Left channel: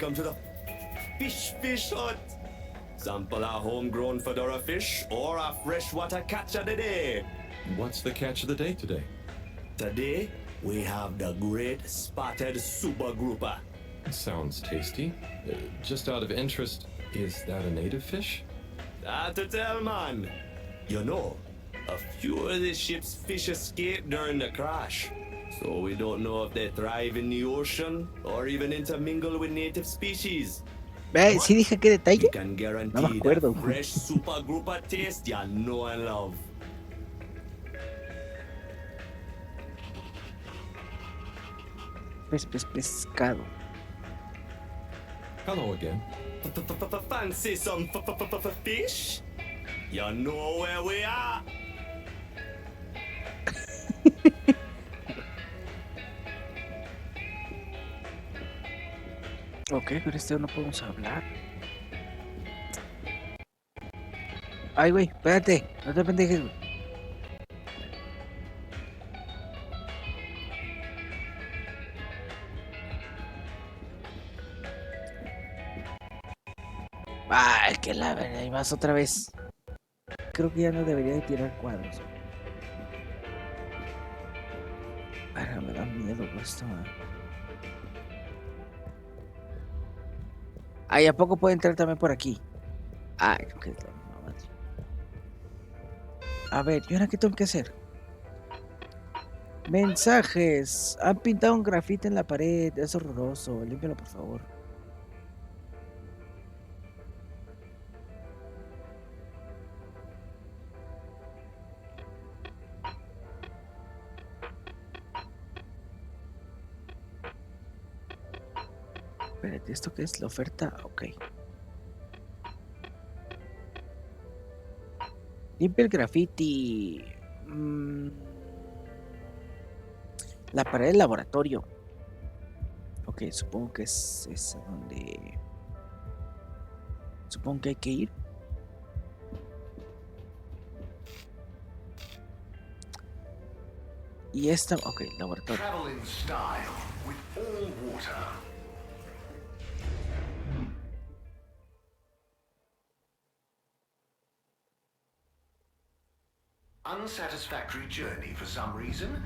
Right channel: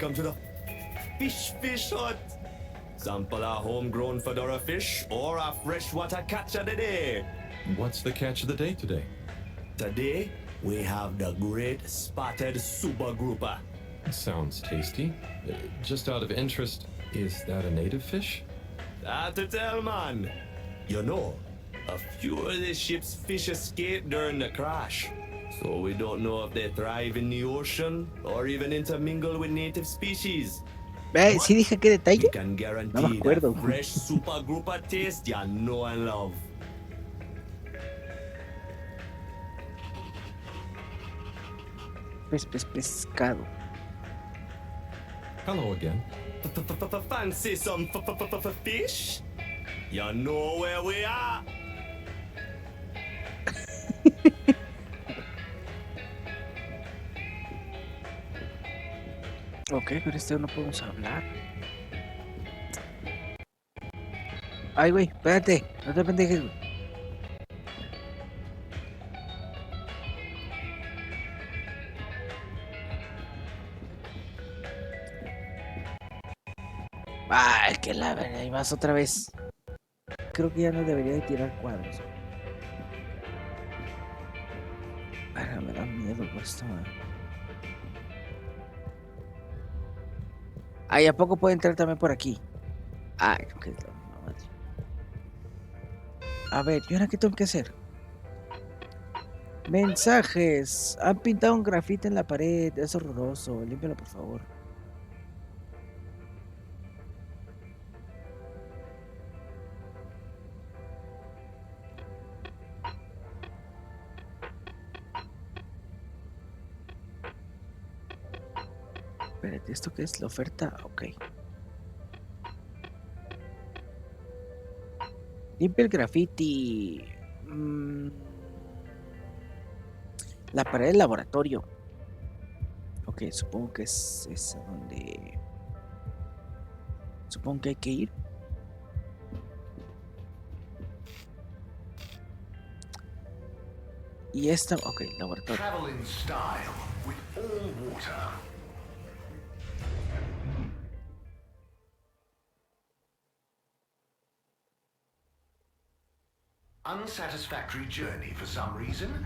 Welcome to the fish hut. Sample a homegrown fedora fish or a freshwater catch of the day. What's the catch of the day today? Today, we have the great spotted super grouper. Sounds tasty. Just out of interest, is that a native fish? Hard to tell, man. You know, a few of the ship's fish escaped during the crash. So we don't know if they thrive in the ocean or even intermingle with native species. Sí dije qué detalle. We can No me guarantee acuerdo. that fresh super grouper taste you know and love. Pescado. Hello again. Fancy some fish? You know where we are. Ok, con este no podemos hablar. Ay, güey, espérate, no te pendejes, güey. Ay, que la verdad, ahí vas otra vez. Creo que ya no debería de tirar cuadros. Ay, me da miedo esto, Ay, ¿a poco puede entrar también por aquí? Ay, que es la misma madre. A ver, ¿y ahora qué tengo que hacer? Mensajes. Han pintado un grafite en la pared. Es horroroso. Límpialo, por favor. Espérate, ¿esto qué es? La oferta. Ok. Limpia el graffiti. La pared del laboratorio. Ok, supongo que es a donde... Supongo que hay que ir. Y esta... Ok, laboratorio. Travel in style with all water. Unsatisfactory journey for some reason?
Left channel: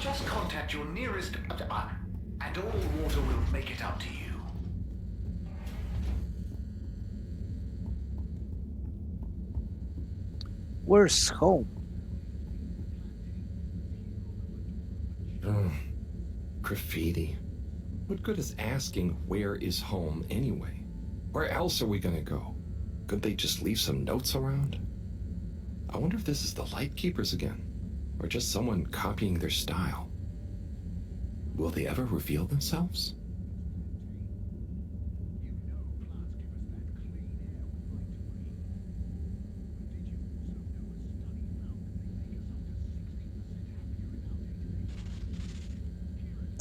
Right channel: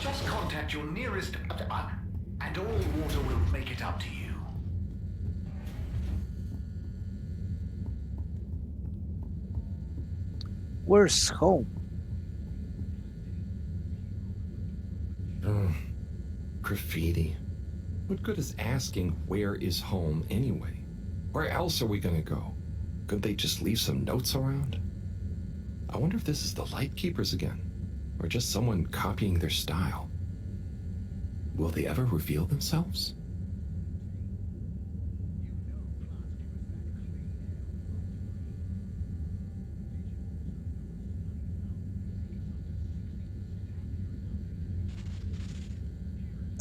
Just contact your nearest and all water will make it up to you. Where's home? Oh, graffiti. What good is asking where is home anyway? Where else are we gonna go? Could they just leave some notes around? I wonder if this is the Lightkeepers again, or just someone copying their style. Will they ever reveal themselves?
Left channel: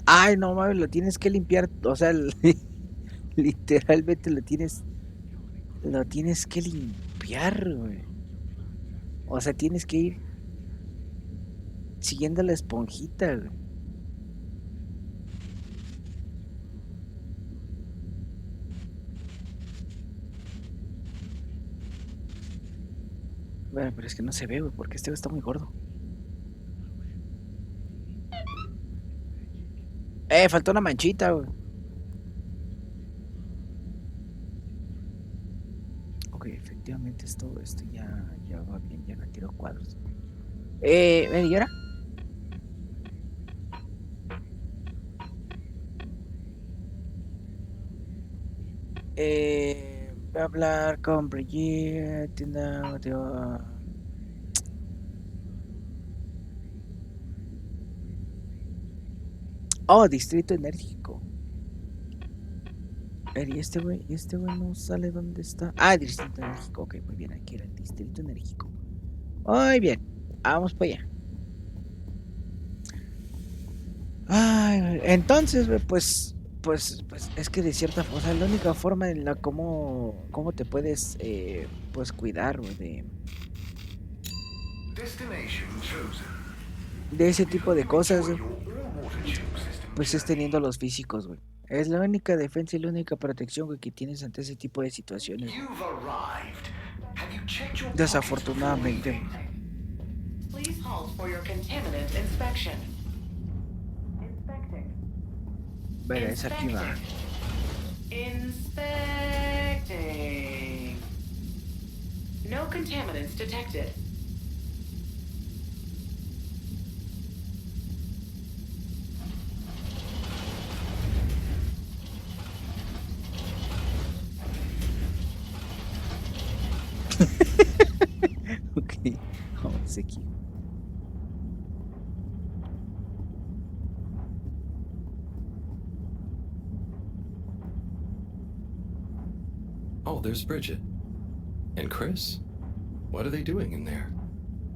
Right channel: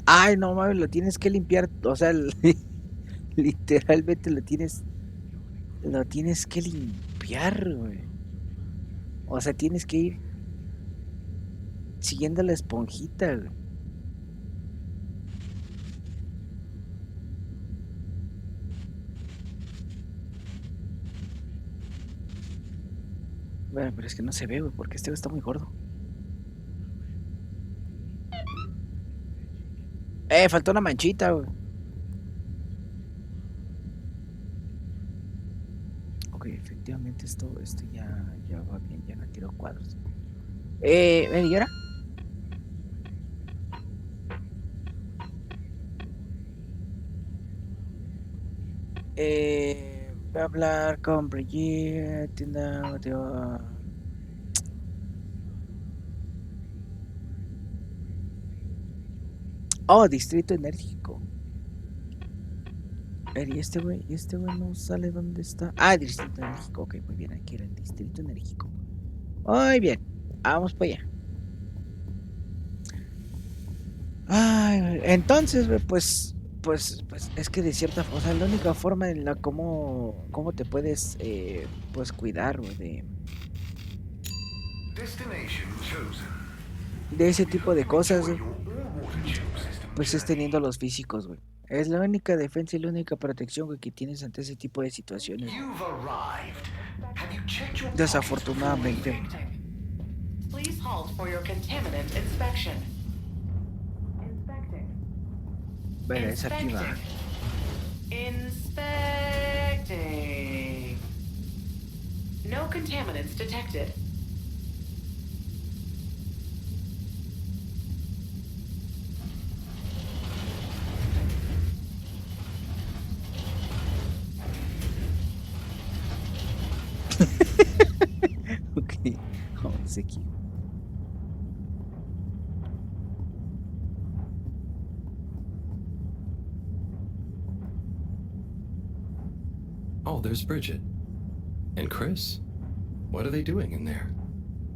Ay, no mames, lo tienes que limpiar. O sea, literalmente lo tienes que limpiar, güey. O sea, tienes que ir siguiendo la esponjita, güey. Bueno, pero es que no se ve, güey, porque este güey está muy gordo. Faltó una manchita, güey. Ok, efectivamente esto ya va bien, ya no tiro cuadros. Ven, ¿y ahora? Voy a hablar con Brigitte, tienda, Oh, distrito enérgico. A ver, ¿y este güey no sale dónde está? Ah, distrito enérgico. Ok, muy bien, aquí era el distrito enérgico. Muy bien, vamos para allá. Ay, entonces, güey, pues es que de cierta forma, o sea, la única forma en la cómo te puedes, pues cuidar, güey, de ese tipo de cosas, güey, pues es teniendo los físicos, güey. Es la única defensa y la única protección, güey, que tienes ante ese tipo de situaciones, güey. You've arrived. Have you checked your pockets before Desafortunadamente, leaving? güey. Please halt for your contaminant inspection. Inspecting. Verá, es aquí va. Inspecting. No contaminants detected. Ok, vamos aquí. Oh, there's Bridget. And Chris? What are they doing in there?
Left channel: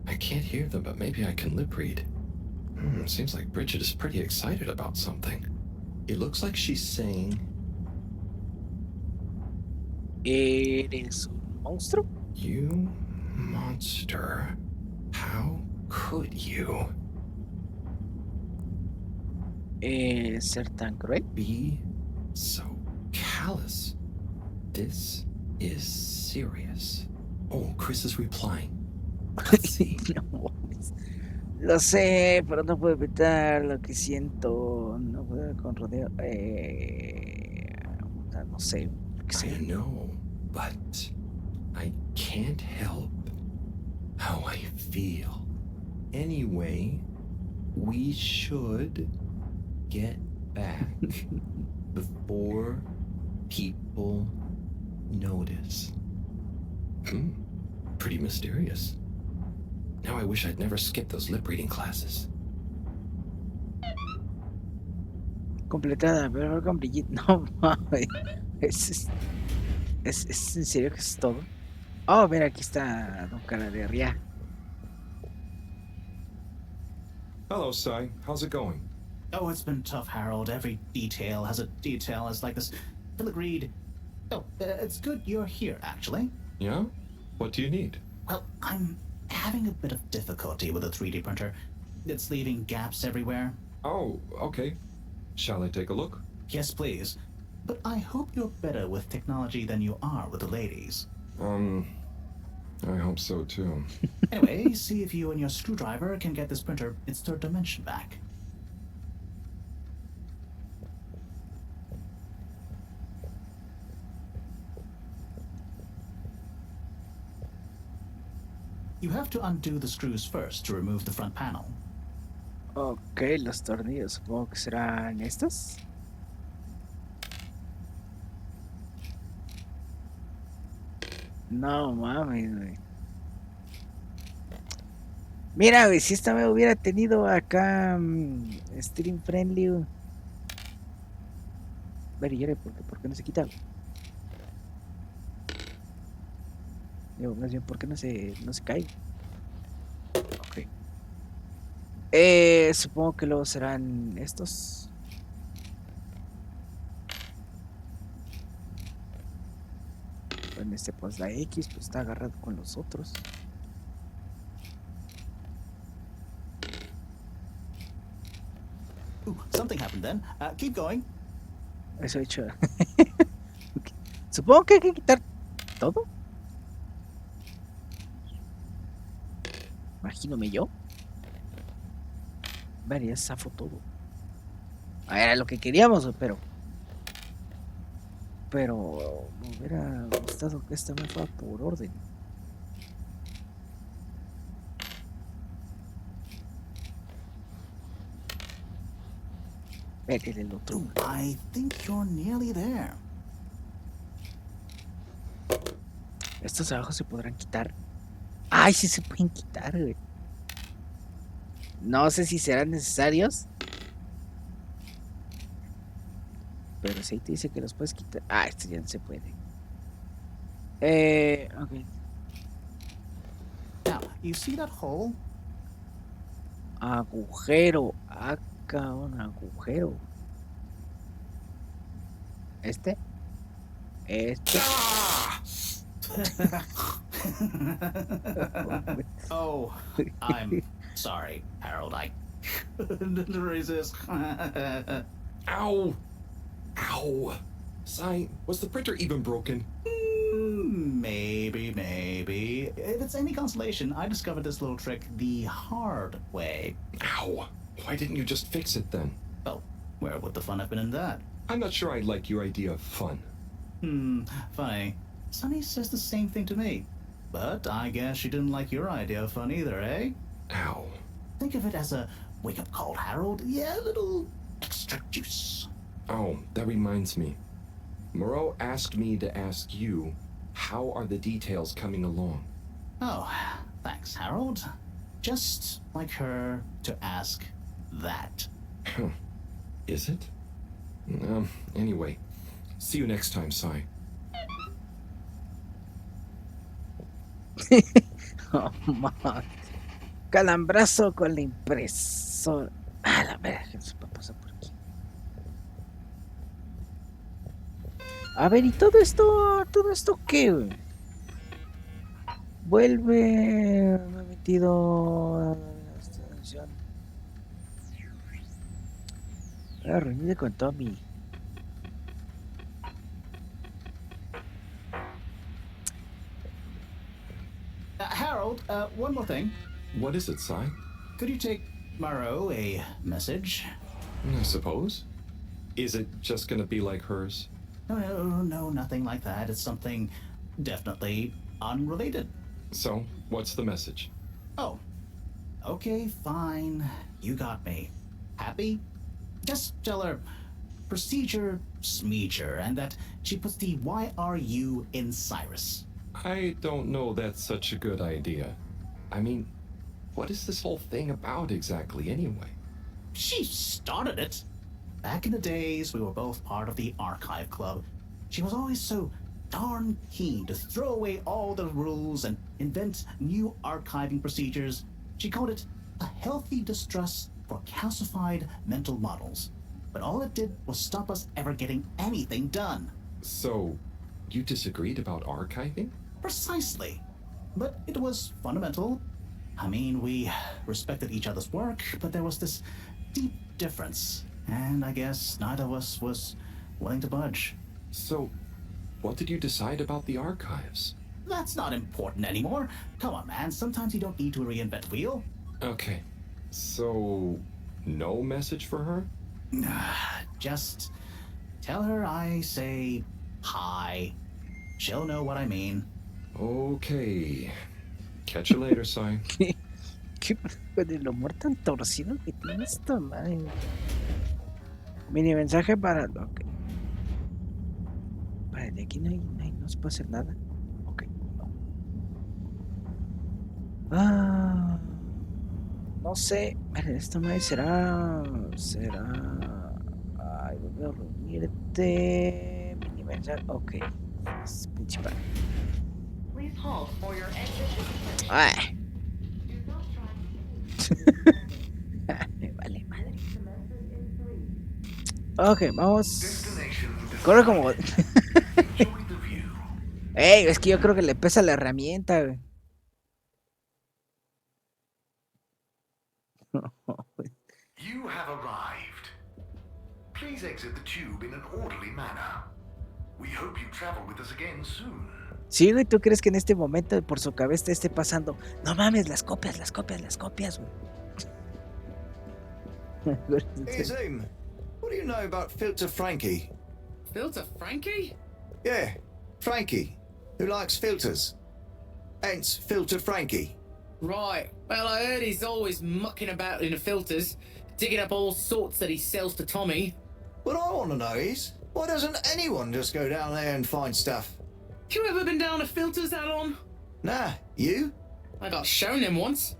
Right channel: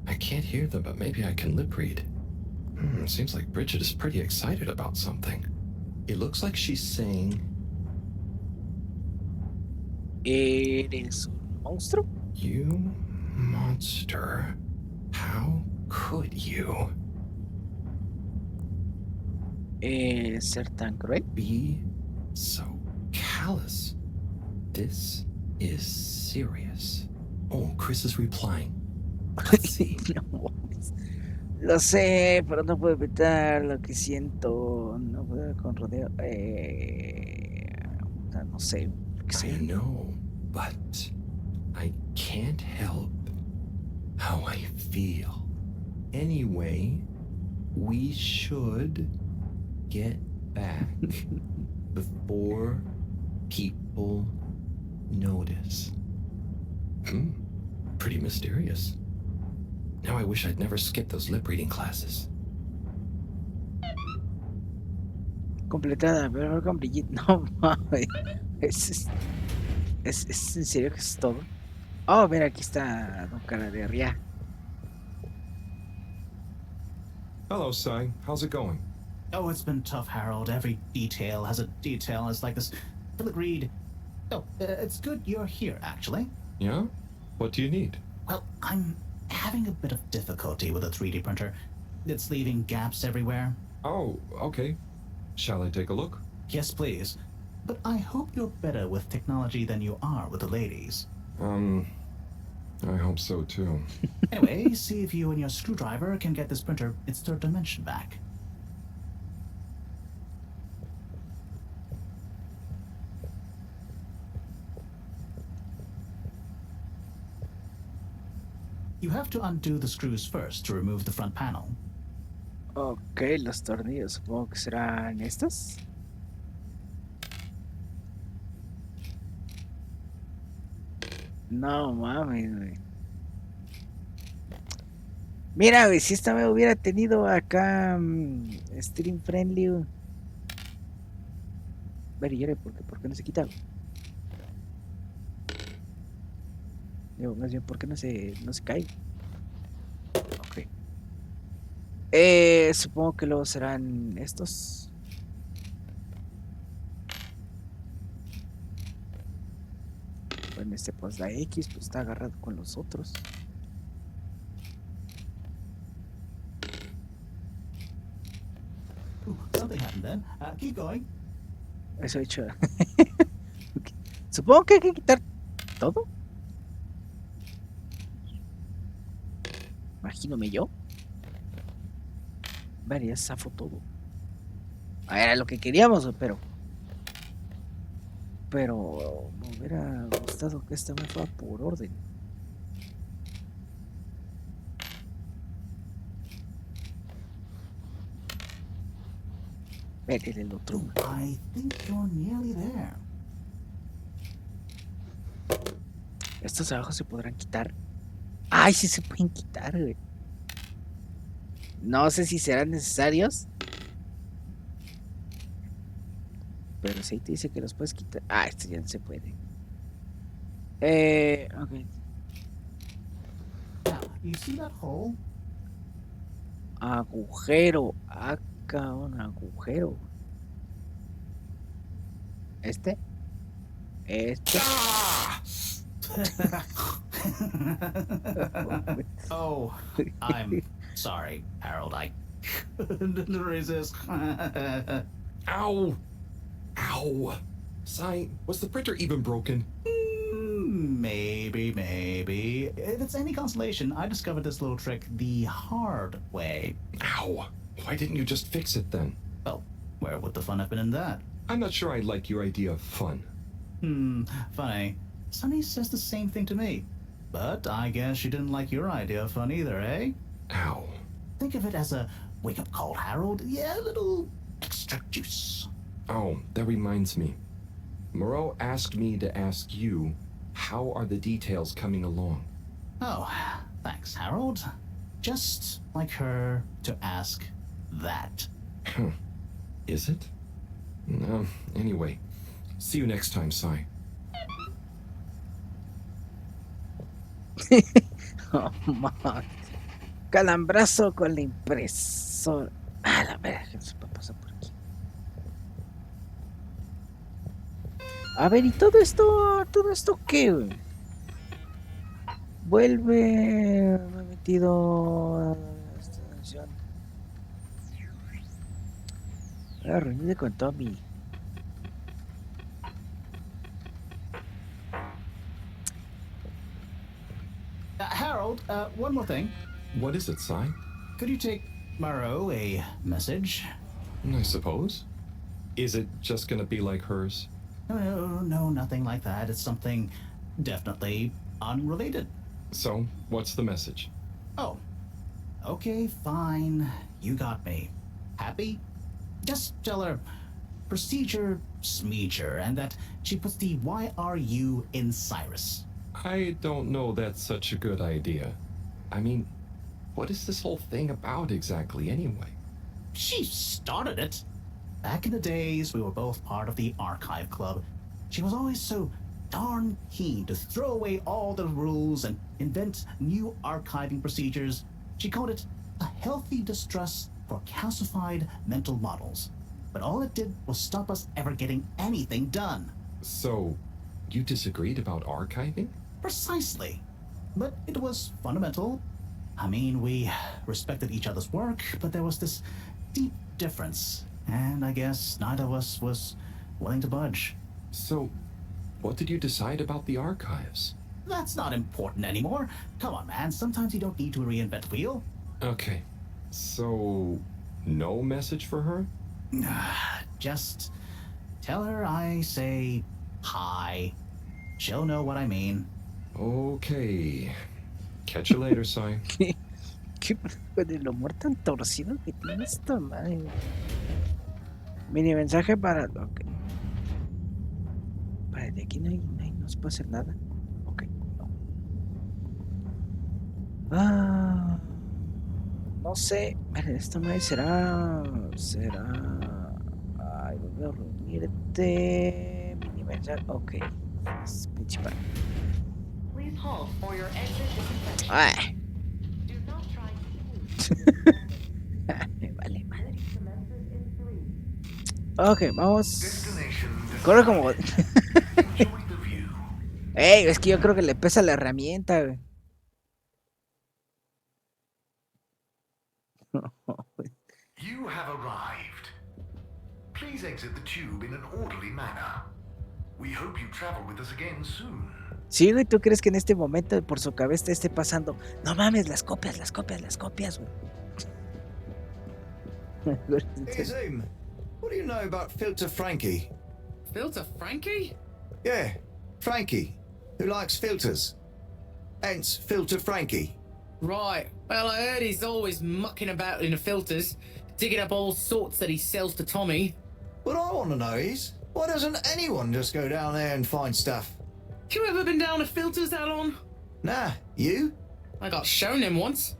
I can't hear them, but maybe I can lip read. Seems like Bridget is pretty excited about something. It looks like she's saying, ¿Eres un monstruo? "You monster. How could you ¿Ser tan cruel? be so callous? This is serious." Oh, Chris is replying. Let's see. No mames. Lo sé, pero no puedo evitar lo que siento. No puedo con rodeo. No sé. ¿Qué I sé? know, but I can't help how I feel. Anyway, we should get back before people notice. Pretty mysterious. Now I wish I'd never skipped those lip reading classes. Completada, pero con Brigitte. No mames. ¿Es en serio que es todo? Oh, mira, aquí está Don Cara de Ria. Hello, Sai. How's it going? Oh, it's been tough, Harold. Every detail has a detail. It's like this filigree. Oh, it's good you're here, actually. Yeah? What do you need? Well, I'm having a bit of difficulty with the 3D printer. It's leaving gaps everywhere. Oh, okay. Shall I take a look? Yes, please. But I hope you're better with technology than you are with the ladies. I hope so too. Anyway, see if you and your screwdriver can get this printer its third dimension back. You have to undo the screws first to remove the front panel. Ok, los tornillos. Supongo que serán estos. No mames, güey. Mira, güey, si esta me hubiera tenido acá stream friendly. Güey. Ver, y ¿por qué no se quita? Güey? Digo, más bien, ¿por qué no se cae? Ok. Supongo que luego serán estos. Bueno, pues la X pues está agarrado con los otros. Ooh, something happened then. Keep going. Eso he hecho. Okay. Supongo que hay que quitar todo. Imagínome yo. Vale, ya zafo todo. Era lo que queríamos, pero me hubiera gustado que esta me fuera por orden. Ver el otro. I think you're nearly there. Estos abajo se podrán quitar. Ay, sí se pueden quitar, güey. No sé si serán necesarios. Pero si ahí te dice que los puedes quitar. Ah, este ya no se puede. Ok. Now, you see that hole? Agujero. Acá un agujero. Este. Oh, I'm sorry, Harold. I couldn't resist. Ow! Ow! Si, was the printer even broken? Maybe. If it's any consolation, I discovered this little trick the hard way. Ow! Why didn't you just fix it then? Well, where would the fun have been in that? I'm not sure I like your idea of fun. Funny. Sunny says the same thing to me. But I guess she didn't like your idea of fun either, eh? Ow. Think of it as a wake-up call, Harold. Yeah, a little extra juice. Oh, that reminds me. Moreau asked me to ask you, how are the details coming along? Oh, thanks, Harold. Just like her to ask that. Is it? Anyway, see you next time, Si. Oh, man. Calambrazo con la impresora. Ah, la verga, que se puede pasar por aquí. A ver, ¿y todo esto qué, güey? Vuelve. Me he metido. Esta canción. Voy a reunirme con Tommy. Harold, one more thing. What is it, Si? Could you take Moreau a message? I suppose. Is it just gonna be like hers? No, nothing like that. It's something definitely unrelated. So, what's the message? Oh, okay, fine. You got me. Happy? Just tell her procedure smeecher and that she puts the YRU in Cyrus. I don't know that's such a good idea. I mean, what is this whole thing about exactly anyway? She started it. Back in the days, we were both part of the archive club. She was always so darn keen to throw away all the rules and invent new archiving procedures. She called it a healthy distrust for calcified mental models. But all it did was stop us ever getting anything done. So, you disagreed about archiving? Precisely. But it was fundamental. I mean, we respected each other's work, but there was this deep difference. And I guess neither of us was willing to budge. So, what did you decide about the archives? That's not important anymore. Come on, man. Sometimes you don't need to reinvent the wheel. Okay. So, no message for her? Just tell her I say hi. She'll know what I mean. Okay. Catch you later, Si. ¿Qué con el humor tan torcido que tiene esta madre? Mini mensaje para. Ok. Para de aquí no se puede hacer nada. Ok, no. No sé. Miren, esta madre será. Ay, voy a reunirte. Mini mensaje. Ok. Es principal. Please halt for your exit disinfection. Ay. Do not try Me vale madre. to Ok, vamos. Destination Corre como. Enjoy the view. Ey, es que yo creo que le pesa la herramienta, güey. You have arrived. Please exit the tube in an orderly manner. We hope you travel with us again soon. Sí, güey, ¿tú crees que en este momento por su cabeza te esté pasando? No mames, las copias, güey. Hey, Zoom, what do you know about Filter Frankie? Filter Frankie? Yeah, Frankie, who likes filters. Hence, Filter Frankie. Right. Well, I heard he's always mucking about in the filters, digging up all sorts that he sells to Tommy. What I want to know is, why doesn't anyone just go down there and find stuff? You ever been down to filters, Alon? Nah, you? I got shown him once.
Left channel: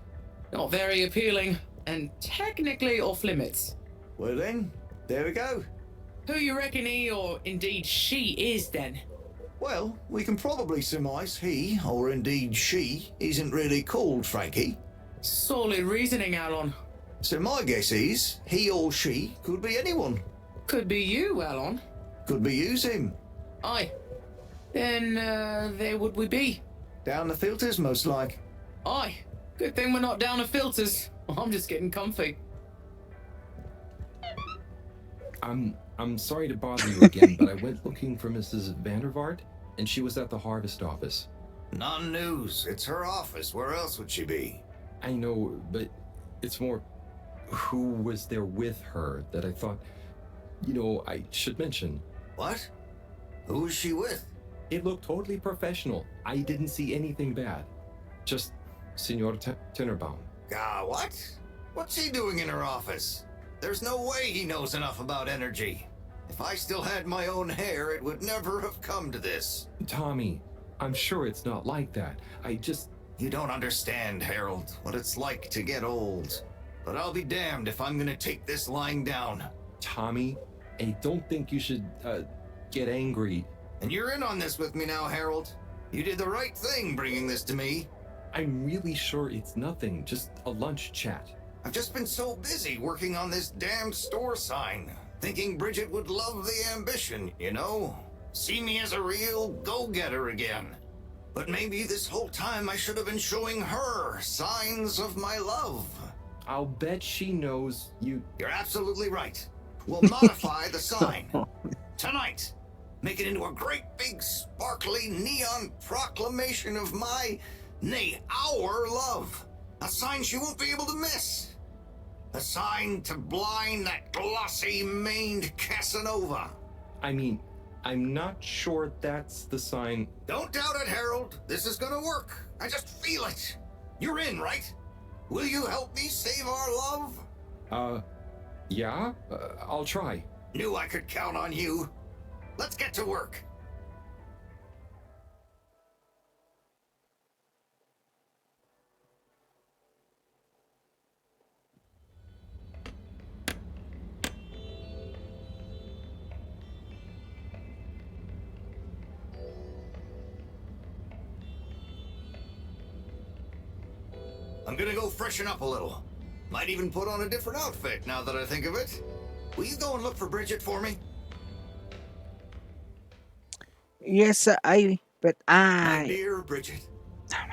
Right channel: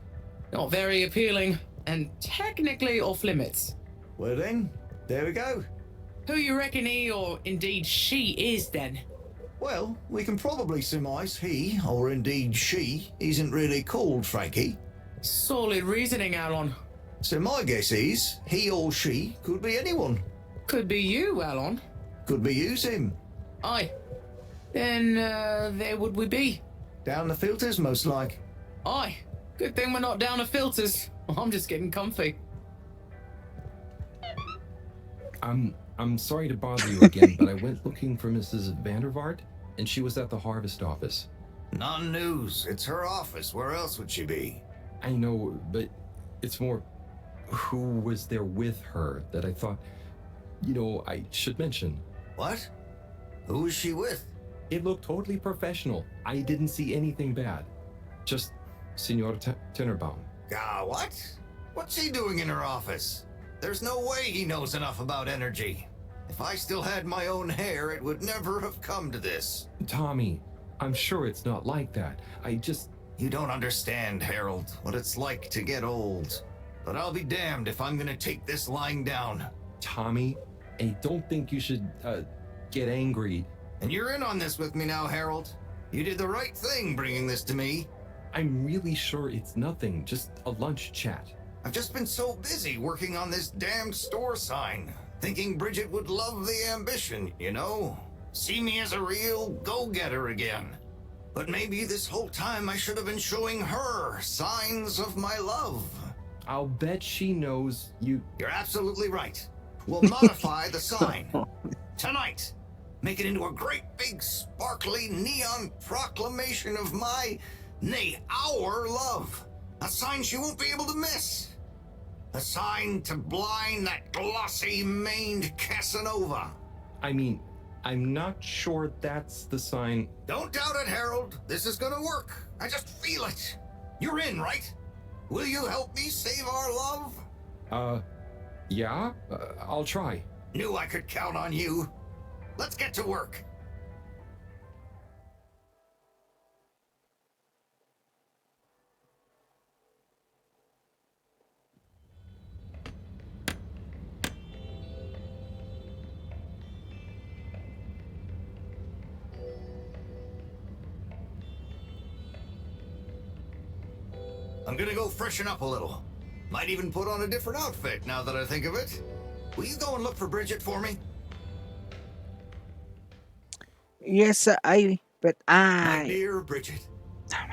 Not very appealing, and technically off limits. Well then, there we go. Who you reckon he, or indeed she, is then? Well, we can probably surmise he, or indeed she, isn't really called Frankie. Solid reasoning, Alon. So my guess is, he or she could be anyone. Could be you, Alon. Could be you, Sim. Aye. Then, there would we be. Down the filters, most like. Aye. Good thing we're not down to I'm just getting comfy. I'm I'm sorry to bother you again, but I went looking for Mrs. Vandervaart, and she was at the harvest office. Non-news. It's her office. Where else would she be? I know, but it's more who was there with her that I thought, I should mention. What? Who is she with? It looked totally professional. I didn't see anything bad. Just Senor Tinnerbaum. What? What's he doing in her office? There's no way he knows enough about energy. If I still had my own hair, it would never have come to this. Tommy, I'm sure it's not like that. You don't understand, Harold, what it's like to get old. But I'll be damned if I'm gonna take this lying down. Tommy, I don't think you should, get angry. And you're in on this with me now, Harold. You did the right thing bringing this to me. I'm really sure it's nothing, just a lunch chat. I've just been so busy working on this damn store sign, thinking Bridget would love the ambition, See me as a real go-getter again. But maybe this whole time I should have been showing her signs of my love. I'll bet she knows you... You're absolutely right. We'll modify the sign. Tonight. Make it into a great big sparkly neon proclamation of our love. A sign she won't be able to miss. A sign to blind that glossy-maned Casanova. I mean, I'm not sure that's the sign. Don't doubt it, Harold. This is gonna work. I just feel it. You're in, right? Will you help me save our love? Yeah? I'll try. Knew I could count on you. Let's get to work. I'm gonna go freshen up a little. Might even put on a different outfit now that I think of it. Will you go and look for Bridget for me? Yes, My I... dear Bridget,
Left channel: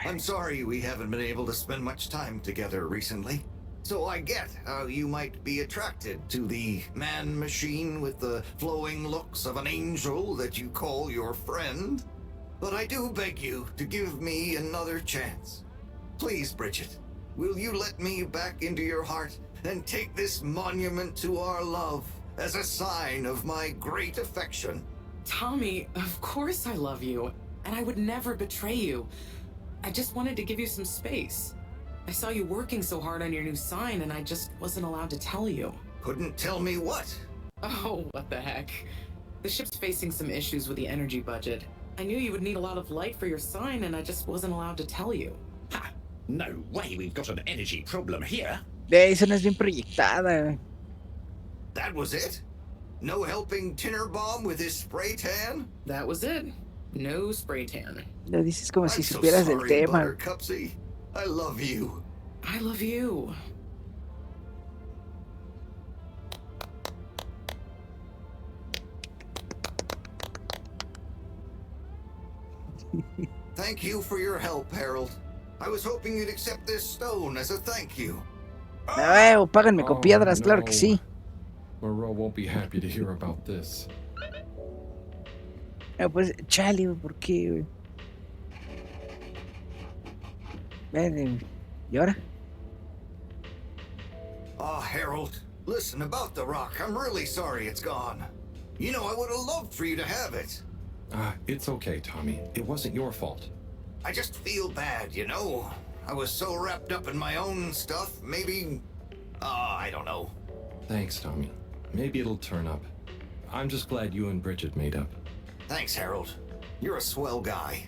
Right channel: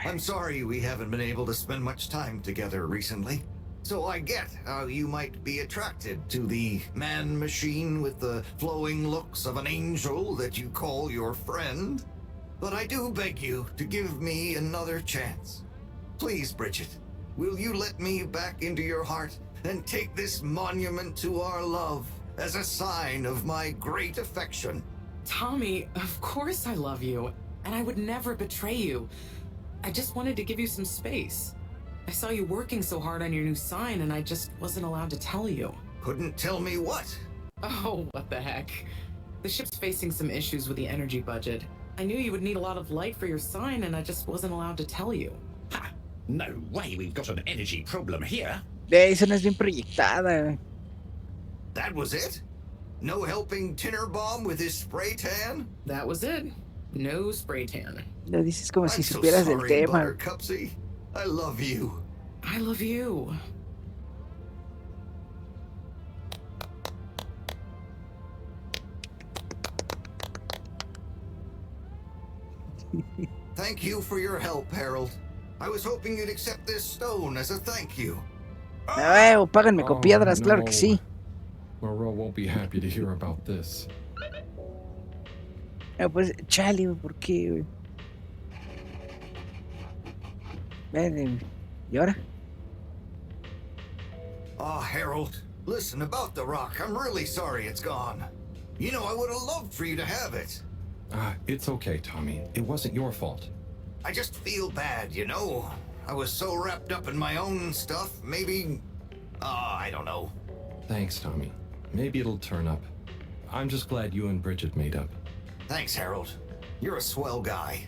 I'm sorry we haven't been able to spend much time together recently. So I get how you might be attracted to the man-machine with the flowing looks of an angel that you call your friend. But I do beg you to give me another chance. Please, Bridget, will you let me back into your heart and take this monument to our love as a sign of my great affection? Tommy, of course I love you, and I would never betray you. I just wanted to give you some space. I saw you working so hard on your new sign, and I just wasn't allowed to tell you. Couldn't tell me what? Oh, what the heck. The ship's facing some issues with the energy budget. I knew you would need a lot of light for your sign, and I just wasn't allowed to tell you. Ha! No way we've got an energy problem here. Esa no es bien proyectada. That was it? No helping Tinnerbomb with his spray tan? That was it. No spray tan. Lo dices como si I'm so supieras del sorry, tema. Buttercupsy. I love you. I love you. Thank you for your help, Harold. I was hoping you'd accept this stone as a thank you. Páganme con piedras, claro que sí. Moreau won't be happy to hear about this. Pues, chale, güey, ¿por qué, güey? ¿Y ahora? Ah, Harold, listen, about the rock, I'm really sorry it's gone. I would have loved for you to have it. It's okay, Tommy. It wasn't your fault. I just feel bad, I was so wrapped up in my own stuff, maybe... I don't know. Thanks, Tommy. Maybe it'll turn up. I'm just glad you and Bridget made up. Thanks, Harold. You're a swell guy.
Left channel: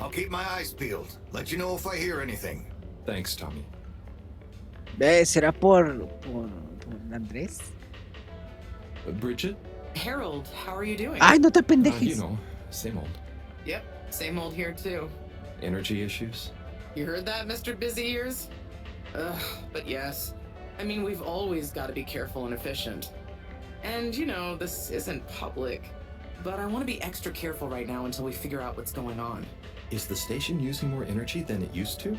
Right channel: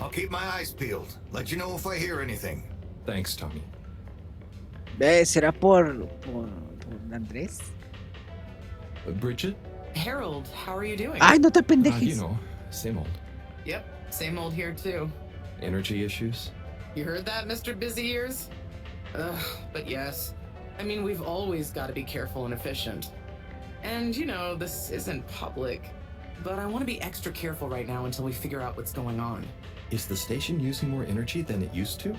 I'll keep my eyes peeled. Let you know if I hear anything. Thanks, Tommy. ¿Será por Andrés? Bridget? Harold, how are you doing? Ay, no te pendejes. Same old. Yep, same old here too. Energy issues? You heard that, Mr. Busy Ears? Ugh, but yes. I mean, we've always got to be careful and efficient. And, this isn't public. But I want to be extra careful right now until we figure out what's going on. Is the station using more energy than it used to?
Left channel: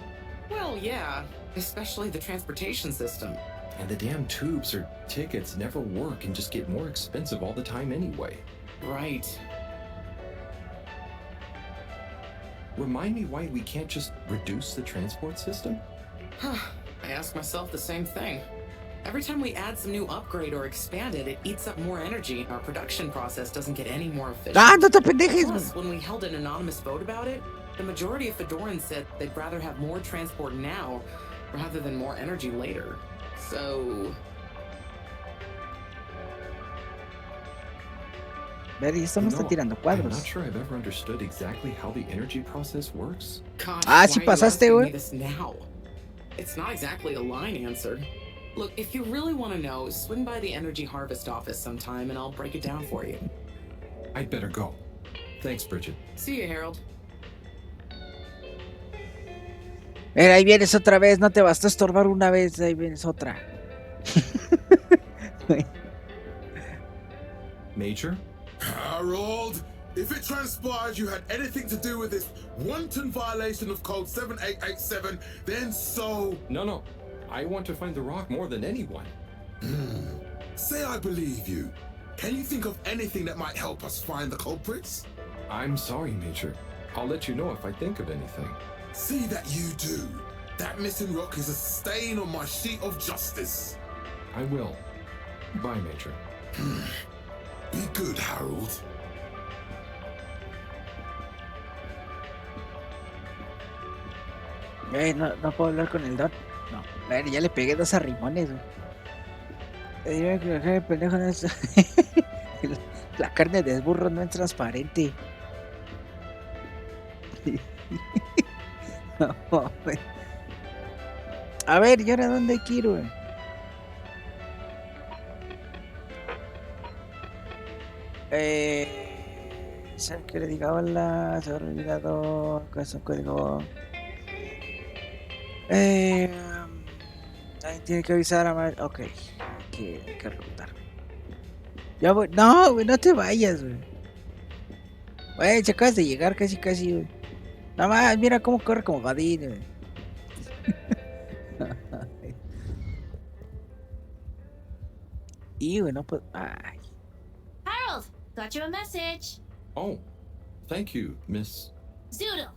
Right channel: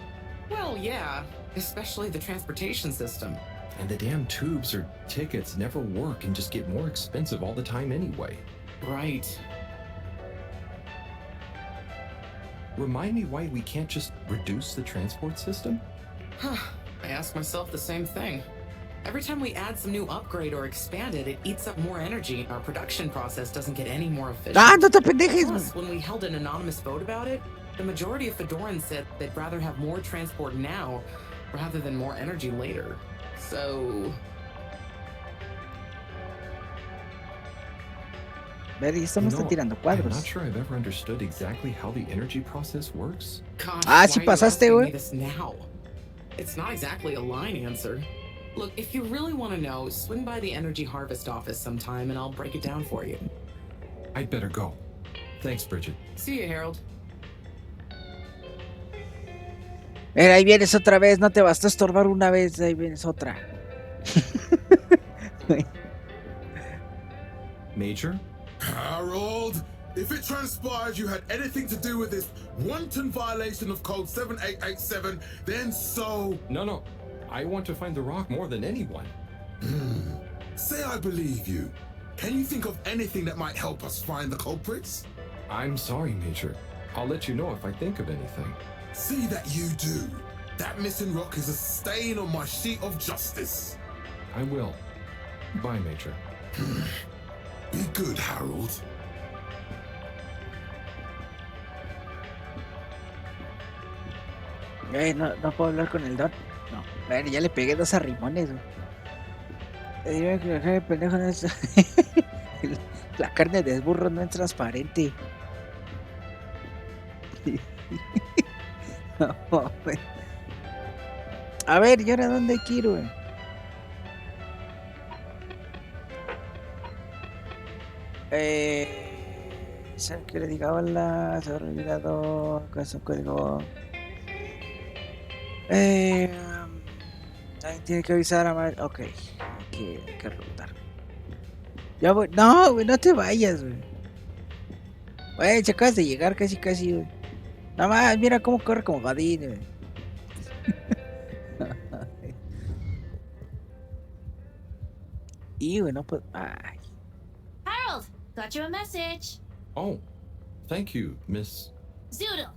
Well, yeah. Especially the transportation system. And the damn tubes or tickets never work and just get more expensive all the time anyway. Right. Remind me why we can't just reduce the transport system? I ask myself the same thing. Every time we add some new upgrade or expand it, it eats up more energy, and our production process doesn't get any more efficient. Ah, no te pendejes, Plus, when we held an anonymous vote about it, the majority of Fedorans said they'd rather have more transport now rather than more energy later. So... Ver, y esto no está tirando I'm cuadros. not sure I've ever understood exactly how the energy process works. Gosh, Ah, sí why are you pasaste, asking me güey. this now? It's not exactly a line answer. Look, if you really want to know, swing by the Energy Harvest office sometime and I'll break it down for you. I'd better go. Thanks, Bridget. See you, Harold. Mira, ahí vienes otra vez, no te bastó estorbar una vez, ahí vienes otra. Major? Harold, if it transpires you had anything to do with this wanton violation of code 7887, then so... No. I want to find the rock more than anyone. Say I believe you. Can you think of anything that might help us find the culprits? I'm sorry, Major. I'll let you know if I think of anything. See that you do. That missing rock is a stain on my sheet of justice. I will. Bye, Major. Be good, Harold. No puedo hablar con el Don. No. A ver, ya le pegué 2 arrimones, güey. Dime que el pendejo no es... La carne de burro no es transparente. No, güey. A ver, ¿y ahora dónde quiero, güey? ¿Sabes qué le diga hola? Se ha olvidado. ¿Qué es un código? Alguien tiene que avisar a Mar... Ok, hay que preguntar. Ya voy. No, güey, no te vayas, güey. Güey, se acabas de llegar casi, güey. Nada más, mira cómo corre como Vadín, güey. Y, güey, no puedo... Ay. Harold, got you a message. Oh, thank you, Miss... Zoodle,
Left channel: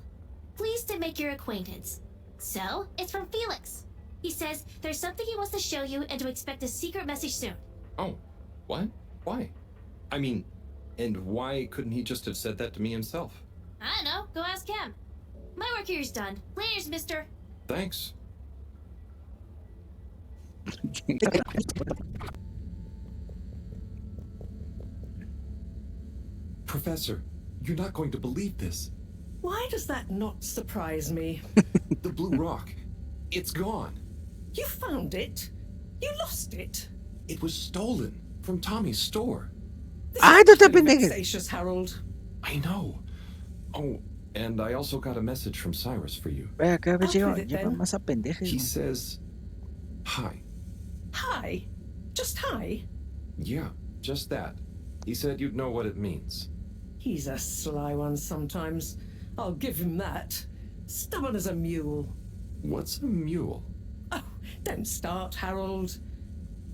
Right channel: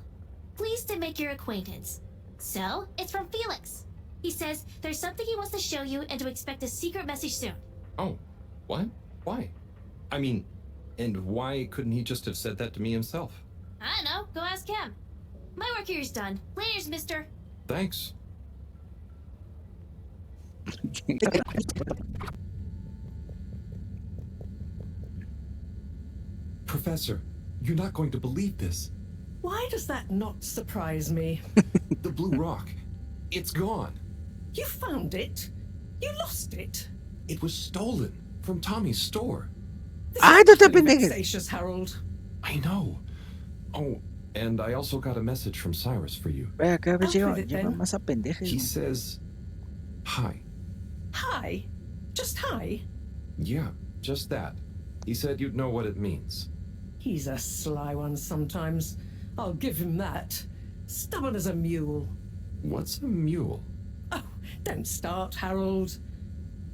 pleased to make your acquaintance. So, it's from Felix. He says there's something he wants to show you and to expect a secret message soon. Oh, what? Why? I mean, and why couldn't he just have said that to me himself? I don't know, go ask him. My work here's done. Laters, mister. Thanks. Professor, you're not going to believe this. Why does that not surprise me? The blue rock. It's gone. You found it? You lost it? It was stolen from Tommy's store. Ah, no te pendejes. Vexatious, Harold. I know. Oh, and I also got a message from Cyrus for you. Ve acá, ve, lleva más a pendejes. He says, hi. Hi? Just hi? Yeah, just that. He said you'd know what it means. He's a sly one sometimes. I'll give him that. Stubborn as a mule. What's a mule? Oh, don't start, Harold.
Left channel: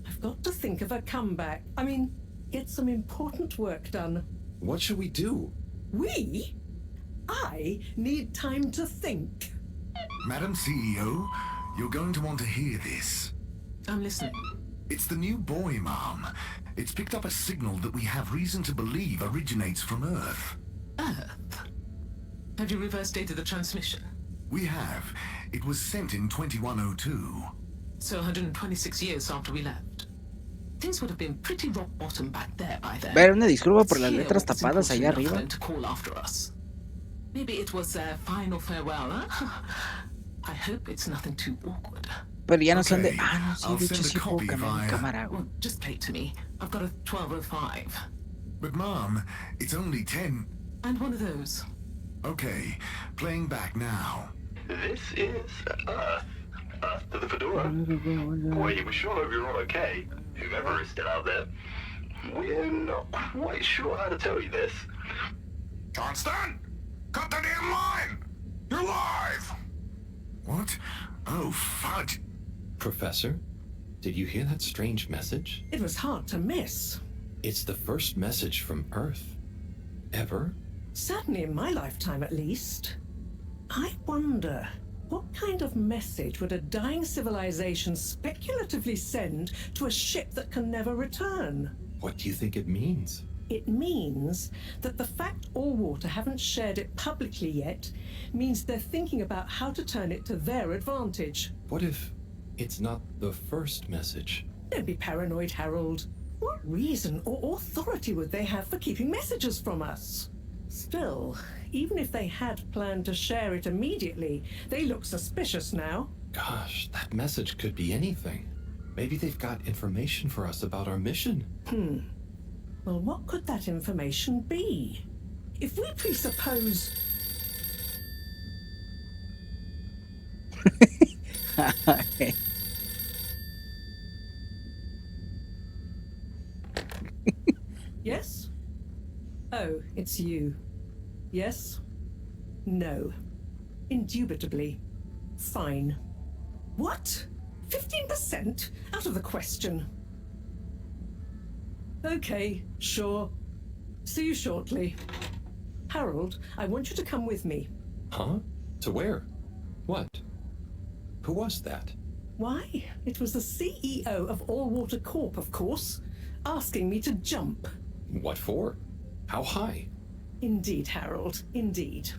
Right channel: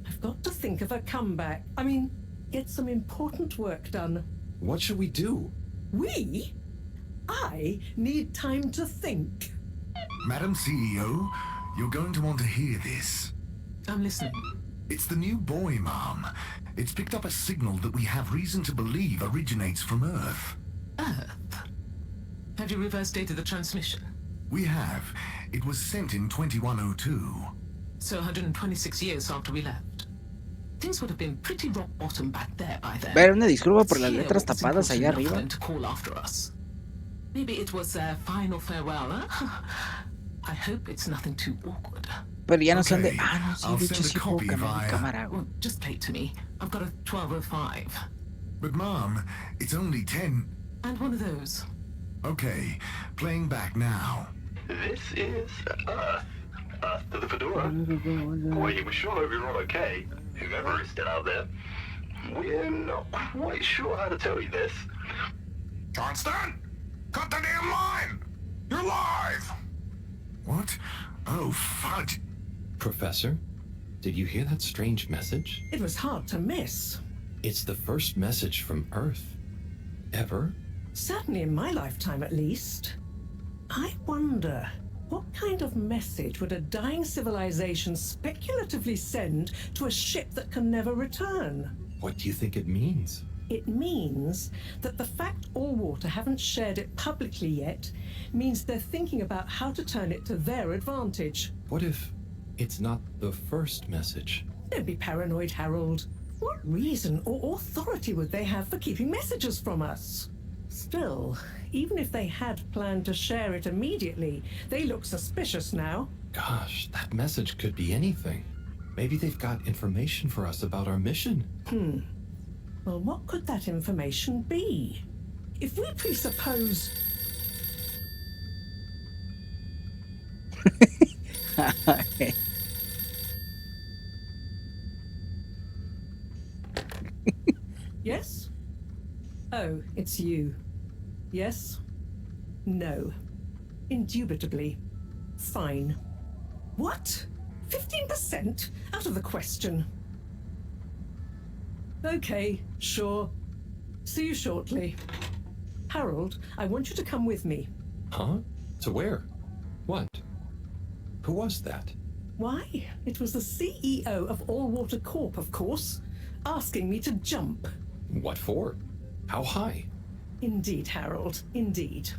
I've got to think of a comeback. I mean, get some important work done. What should we do? We? I need time to think. Madam CEO, you're going to want to hear this. I'm listening. It's the new boy, Mom. It's picked up a signal that we have reason to believe originates from Earth. Earth? Have you reverse dated the transmission? We have. It was sent in 2102. So 126 years after we left. Things would have been pretty rock bottom back there by then. Ver, una disculpa por las letras tapadas allá arriba. To call after us. Maybe it was their final farewell, huh? I hope it's nothing too awkward. Pero ya no son de... Ah, no, sí, de hecho sí puedo cambiar mi cámara. Well, just play it to me. I've got a 1205. But Mom, it's only 10. And one of those. Okay, playing back now. This is Earth. Earth to the Fedora. We were sure we were all okay, whoever is still out there. We're not quite sure how to tell you this. Johnston! Cut the damn line! You're live! What? Oh, fudge. Professor? Did you hear that strange message? It was hard to miss. It's the first message from Earth. Ever? Certainly in my lifetime, at least. I wonder, what kind of message would a dying civilization speculatively send to a ship that can never return? What do you think it means? It means that the fact all water haven't shared it publicly yet means they're thinking about how to turn it to their advantage. What if it's not the first message? Don't be paranoid, Harold. What reason or authority would they have for keeping messages from us? Still, even if they had planned to share it immediately, they look suspicious now. Gosh, that message could be anything. Maybe they've got information for us about our mission. Well, what could that information be? If we presuppose... Yes? Oh, it's you. Yes? No. Indubitably. Fine. What? 15%? Out of the question. Okay, sure. See you shortly. Harold, I want you to come with me. Huh? To where? What? Who was that? Why? It was the CEO of All Water Corp, of course, asking me to jump. What for? How high? Indeed, Harold, indeed.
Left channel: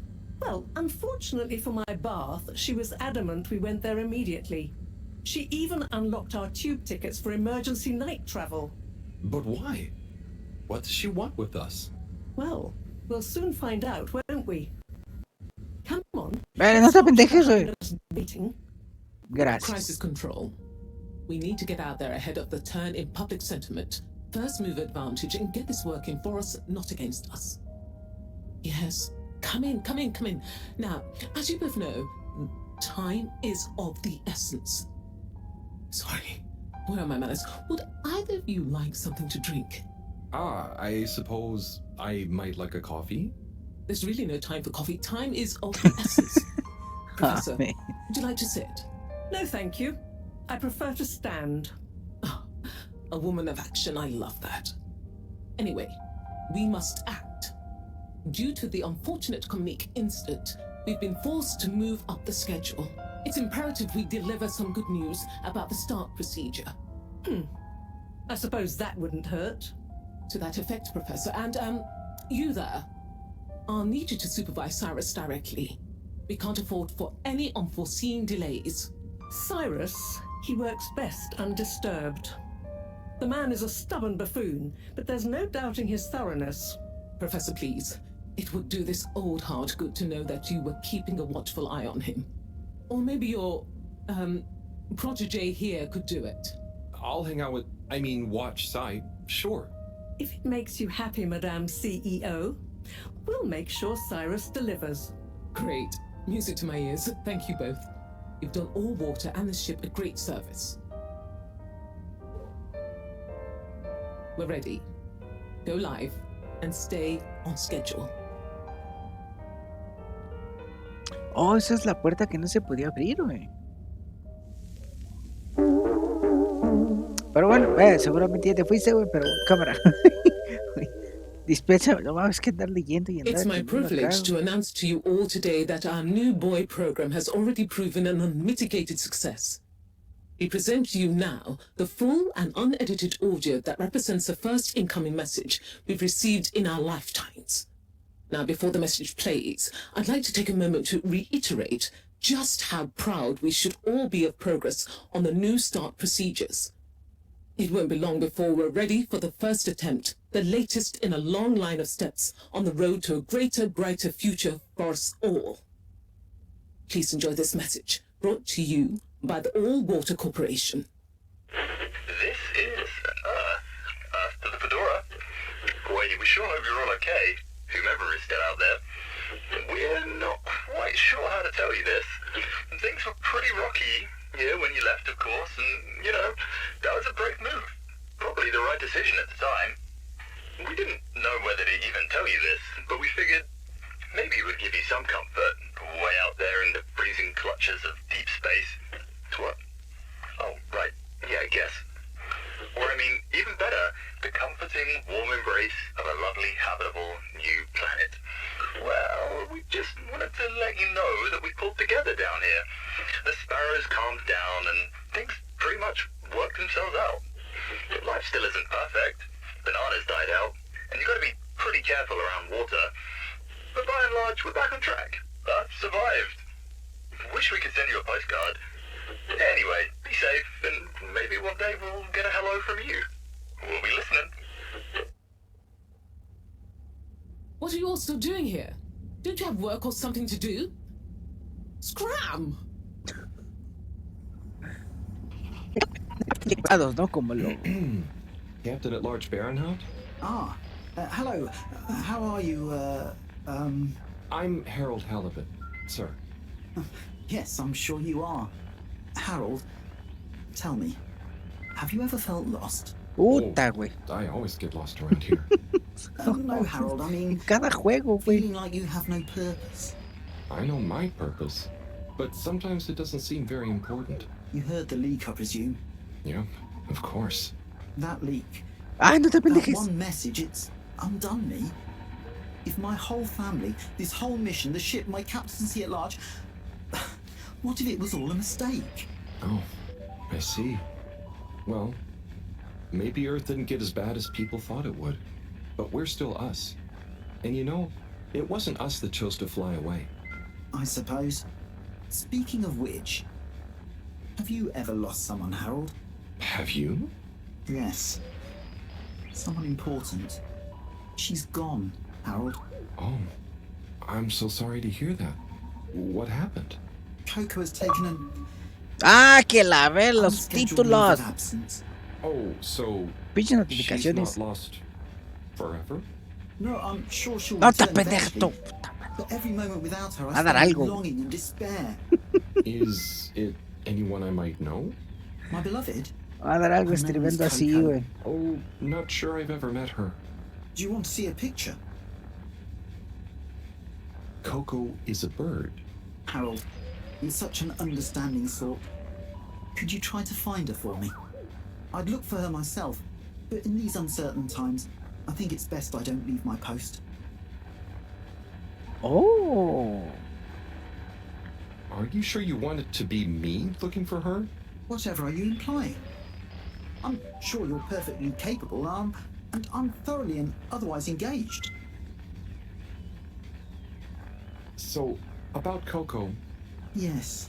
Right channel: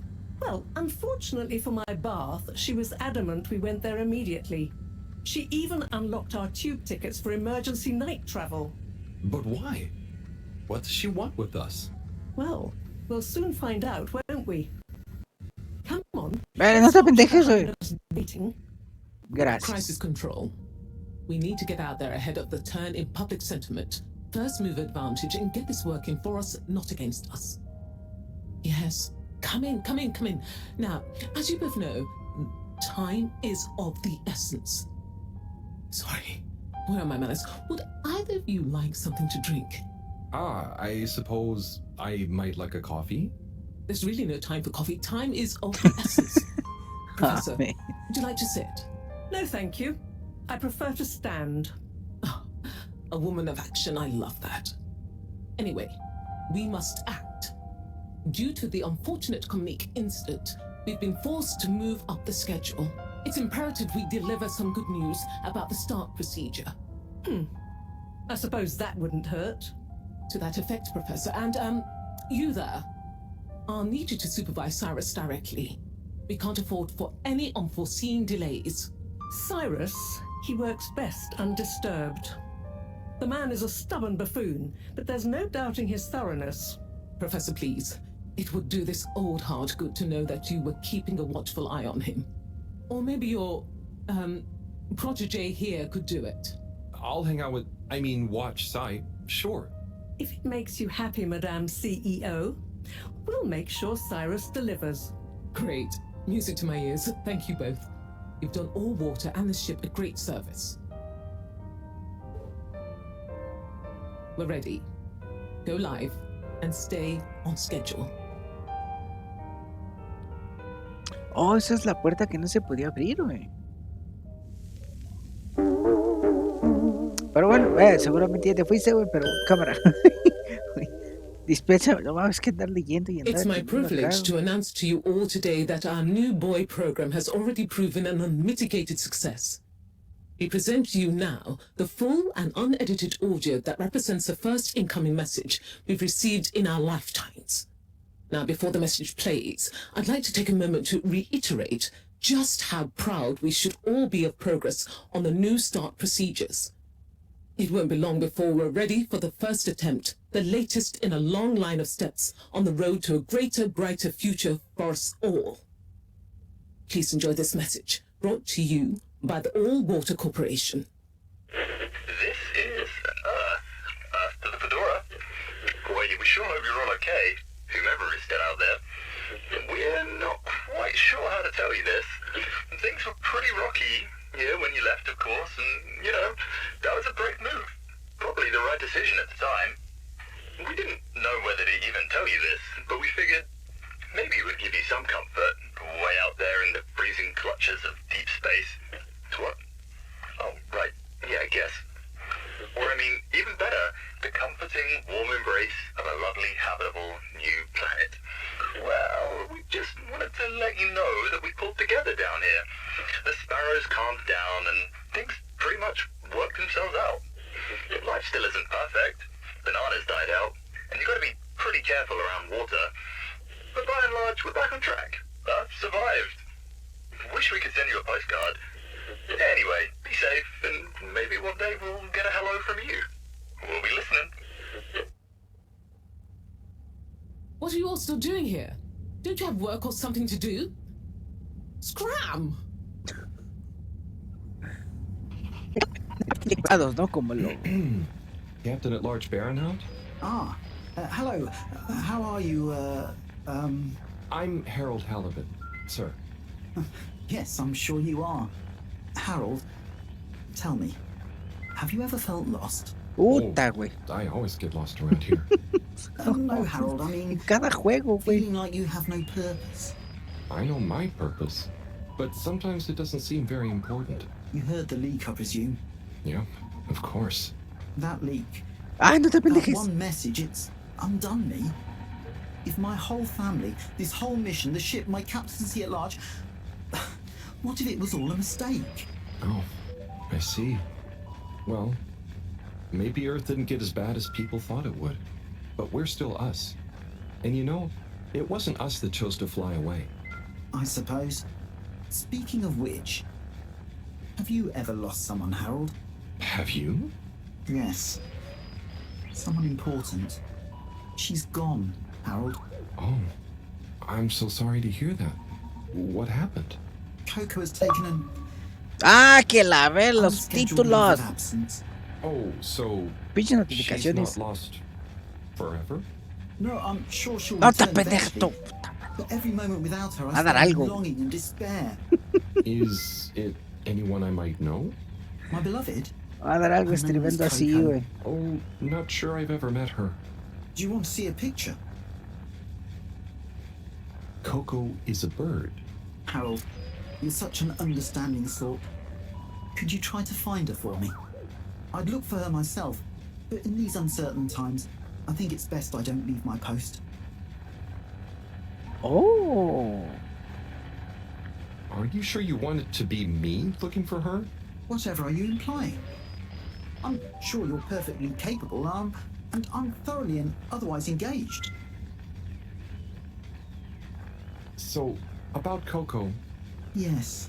Well, unfortunately for my bath, she was adamant we went there immediately. She even unlocked our tube tickets for emergency night travel. But why? What does she want with us? Well, we'll soon find out, won't we? Come on. No te pendejes, güey. Meeting. Gracias. Crisis control. We need to get out there ahead of the turn in public sentiment. First move advantage and get this working for us, not against us. Yes. Come in. Now, as you both know, time is of the essence. Sorry. Where are my manners? Would either of you like something to drink? I suppose I might like a coffee. There's really no time for coffee. Time is of the essence. Professor, would you like to sit? No, thank you. I prefer to stand. Oh, a woman of action, I love that. Anyway, we must act. Due to the unfortunate comic incident, we've been forced to move up the schedule. It's imperative we deliver some good news about the start procedure. I suppose that wouldn't hurt. To that effect, Professor. And, you there. I'll need you to supervise Cyrus directly. We can't afford for any unforeseen delays. Cyrus, he works best undisturbed. The man is a stubborn buffoon, but there's no doubting his thoroughness. Professor, please. It would do this old heart good to know that you were keeping a watchful eye on him. Or maybe your, protege here could do it. I'll hang out with, watch Cy, sure. If it makes you happy, Madame CEO, we'll make sure Cyrus delivers. Great. Music to my ears. Thank you both. You've done All Water and the ship a great service. We're ready. Go live and stay on schedule. Oh, esa es la puerta que no se podía abrir, güey. Pero bueno, seguramente ya te fuiste, güey, pero cámara. Dispensa, no mames, que andar leyendo y andar. It's my privilege to announce to you all today that our new boy program has already proven an unmitigated success. We present to you now the full and unedited audio that represents the first incoming message we've received in our lifetimes. Now, before the message plays, I'd like to take a moment to reiterate just how proud we should all be of progress on the new start procedures. It won't be long before we're ready for the first attempt, the latest in a long line of steps on the road to a greater, brighter future for us all. Please enjoy this message, brought to you by the All Water Corporation. This is Earth to the Fedora. Well, we sure hope you're all okay, whomever is still out there. We're not quite sure how to tell you this. Things were pretty rocky here when you left, of course, and, that was a brave move. Probably the right decision at the time. We didn't know whether to even tell you this, but we figured maybe it would give you some comfort way out there in the freezing clutches of deep space. What? Oh, right. Yeah, I guess. arrows calmed down and things pretty much worked themselves out. Life still isn't perfect. Bananas died out, and you gotta be pretty careful around water. But by and large, we're back on track. I've survived. Wish we could send you a postcard. Anyway, be safe, and maybe one day we'll get a hello from you. We'll be listening. What are you all still doing here? Don't you have work or something to do? Scram! ¿No? Como lo... Captain at Large Baronhout? Ah, hello. How are you, I'm Harold Halibut, sir. Yes, I'm sure you are. Harold, tell me, have you ever felt lost? Puta, güey. I always get lost around here. No, Harold, I mean... En cada juego, güey. Feeling like you have no purpose. I know my purpose, but sometimes it doesn't seem very important. You heard the leak, I presume? Yeah, of course. That leak. Ah, no te That pendejes. one message, it's undone me. If my whole family, this whole mission, the ship, my captaincy at large... What if it was all a mistake? Oh, I see. Well, maybe Earth didn't get as bad as people thought it would. But we're still us. And you know, it wasn't us that chose to fly away. I suppose. Speaking of which, have you ever lost someone, Harold? Have you? Yes. Someone important. She's gone, Harold. Oh, I'm so sorry to hear that. What happened? Coco has taken an... Ah, que la ver los unscheduled leave of títulos. absence. Oh, so Pinches she's notificaciones. not lost forever? No, I'm sure she'll No te return pendejas tú. eventually. But every moment without her, Va I a dar feel algo. longing and despair. Is it anyone I might know? My beloved, Va a dar algo escribiendo así, güey. Oh, not sure I've ever met her. do you want to see a picture? Coco is a bird. Harold, you're such an understanding sort. Could you try to find her for me? I'd look for her myself, but in these uncertain times, I think it's best I don't leave my post. Oh. Are you sure you want it to be me looking for her? Whatever are you implying? I'm sure you're perfectly capable, and I'm thoroughly and otherwise engaged. So, about Coco, Yes.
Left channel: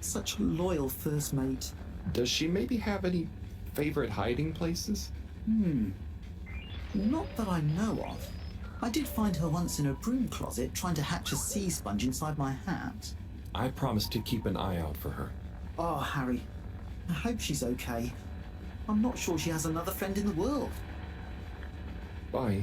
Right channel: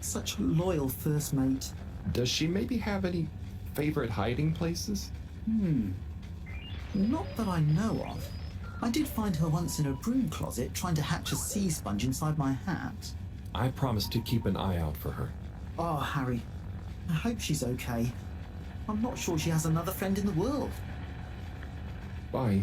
Such a loyal first mate. does she maybe have any favorite hiding places? Not that I know of. I did find her once in a broom closet trying to hatch a sea sponge inside my hat. I promised to keep an eye out for her. Oh, Harry. I hope she's okay. I'm not sure she has another friend in the world. Bye.